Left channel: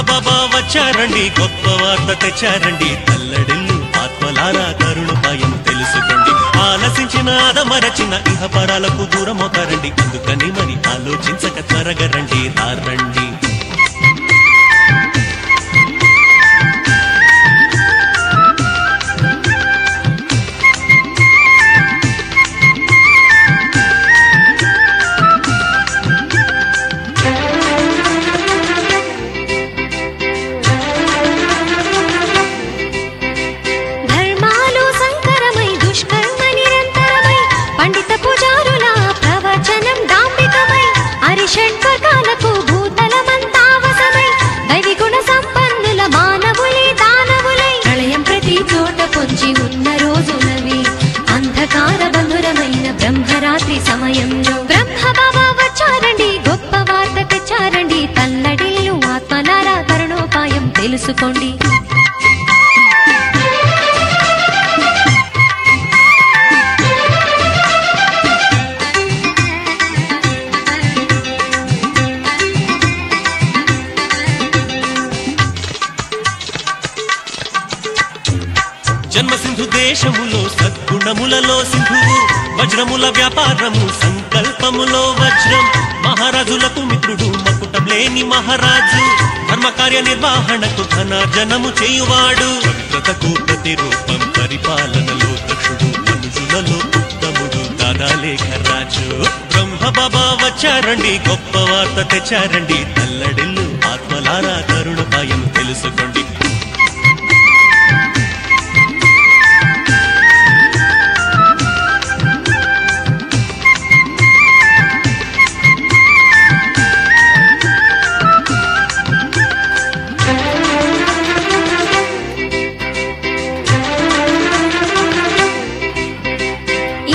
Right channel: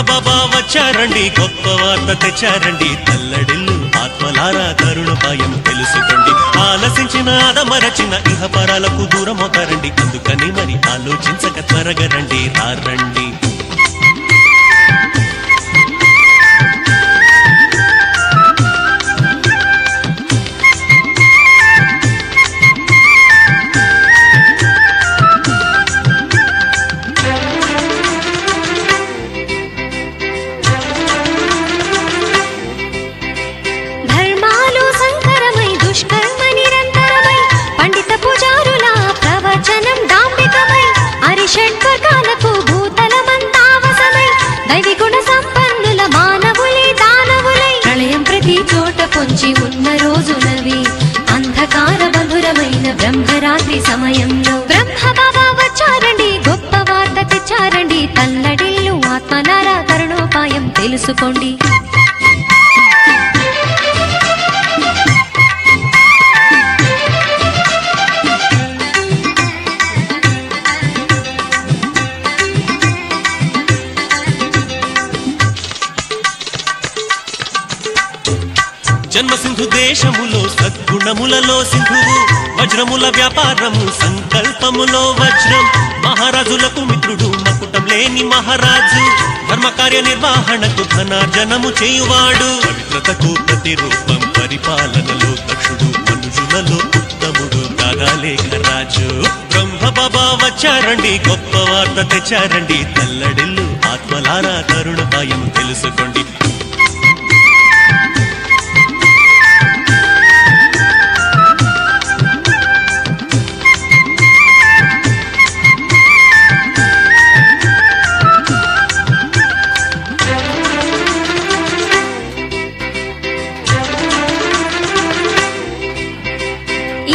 బాబా వచ్చారండి, గొప్ప వార్త తెచ్చారండి. తల్లడిల్లు ఆత్మలారా కరుణోపాయం తెలుసుకోండి. ఆలసించిన అదమరచిన ఇహపరాలకు దూరమవుతారండి. అందుకని మరి ఆలోచించక త్వరగా రండి, రండి. షట్వర్గాలకు భూతలమంతావసమై దైవి గుణ సంపన్నుల మానవులే దానవులై ప్రళయం ప్రతి చోట పొంచి ఉన్న రోజులవి. అంధకార బంధురమైన బ్రహ్మరాత్రి సమయంలో బ్రహ్మ బాబా వచ్చారండి, గొప్ప వార్త తెచ్చారండి. తల్లడిల్లు ఆత్మలారా కరుణోపాయం తెలుసుకోండి. జన్మ సింధు దేశములో సద్గుణములలో సింధువు, వజ్రముల వ్యాపారము సంకల్పములో వజ్రం. మహారాజులకు మిత్రుడు మకుటం లేని మహారాజు, ధర్మకార్య నిర్వహణకు ధనార్జనము చేయువాడు. పవిత్రతకు ప్రతిరూపం పరిపాలనలో దక్షుడు, మనుషులలో ఉత్తముడు దాదాలేఖరాజు. బ్రహ్మ బాబా వచ్చారండి, గొప్ప వార్త తెచ్చారండి. తల్లడిల్లు ఆత్మలారా కరుణోపాయం తెలుసుకోండి.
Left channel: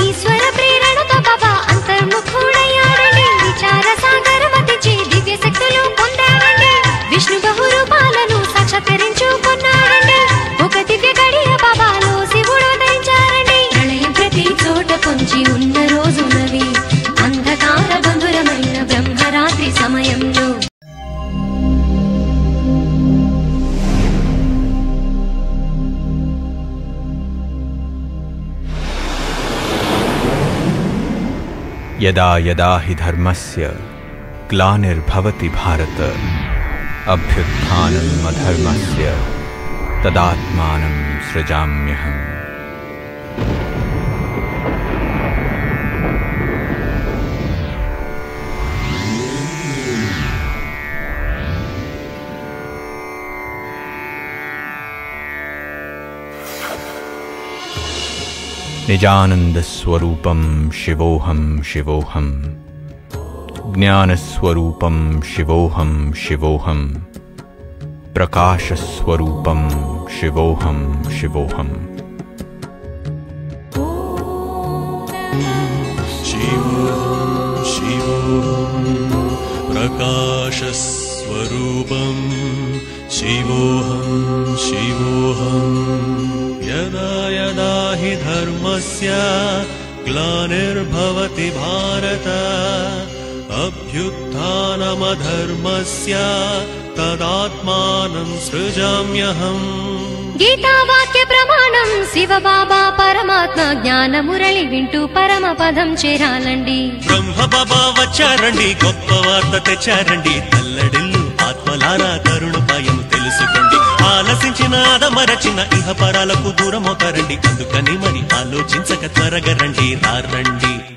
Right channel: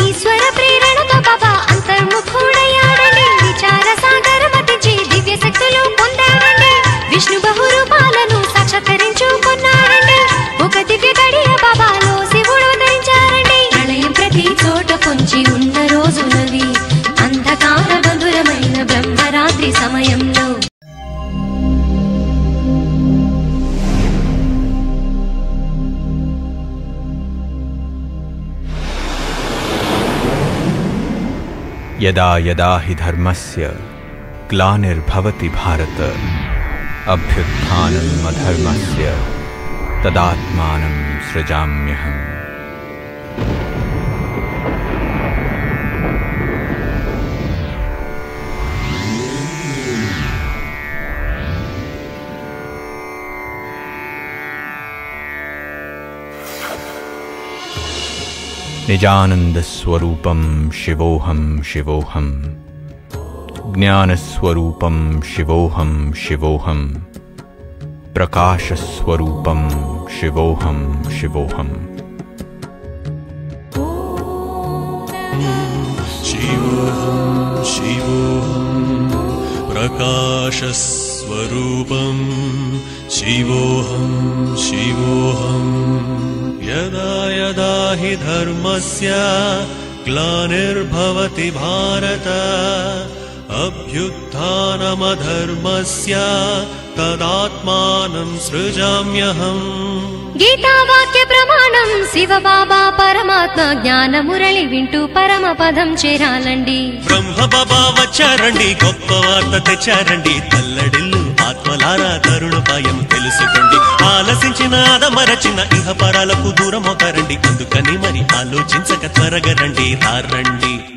ఈశ్వర ప్రేరణతో బాబా అంతర్ముఖుడయ్యాడండి. విచార సాగరమతించి దివ్య శక్తులు పొందాడండి. విష్ణు బహురూపాలను సాక్షాత్కరించుకున్నాడండి. ఒక దివ్య గడియ బాబాలో శివుడు ధరించారండి. ప్రళయం ప్రతి చోట పొంచి ఉన్న రోజులవి. అంధకార బంధురమైన బ్రహ్మరాత్రి సమయంలో यदा यदा हि धर्मस्य ग्लानिर्भवति भारत अभ्युत्थानम् अधर्मस्य तदात्मानं सृजाम्यहम्. निजानन्दस्वरूपं शिवोऽहं शिवोऽहं, ज्ञानस्वरूपं शिवोऽहं शिवोऽहं, प्रकाशस्वरूपं शिवोऽहं शिवोऽहं. शिवोऽहं शिवोऽहं प्रकाशस्वरूपं शिवोऽहं शिवोऽहं. यदा यदा हि धर्मस्य ग्लानिर्भवति भारत अभ्युत्थानमधर्मस्य तदात्मानं सृजाम्यहम्. గీతా వాక్య ప్రమాణం శివ బాబా పరమాత్మ జ్ఞాన మురళి వింటూ పరమ పదం చేరాలండి. బ్రహ్మ బాబా వచ్చారండి, గొప్ప వార్త తెచ్చారండి. తల్లడిల్లు ఆత్మలారా కరుణోపాయం తెలుసుకోండి. ఆలసించిన అదమరచిన ఇహపరాలకు దూరమవుతారండి. అందుకని మరి ఆలోచించక త్వరగా రండి, రండి.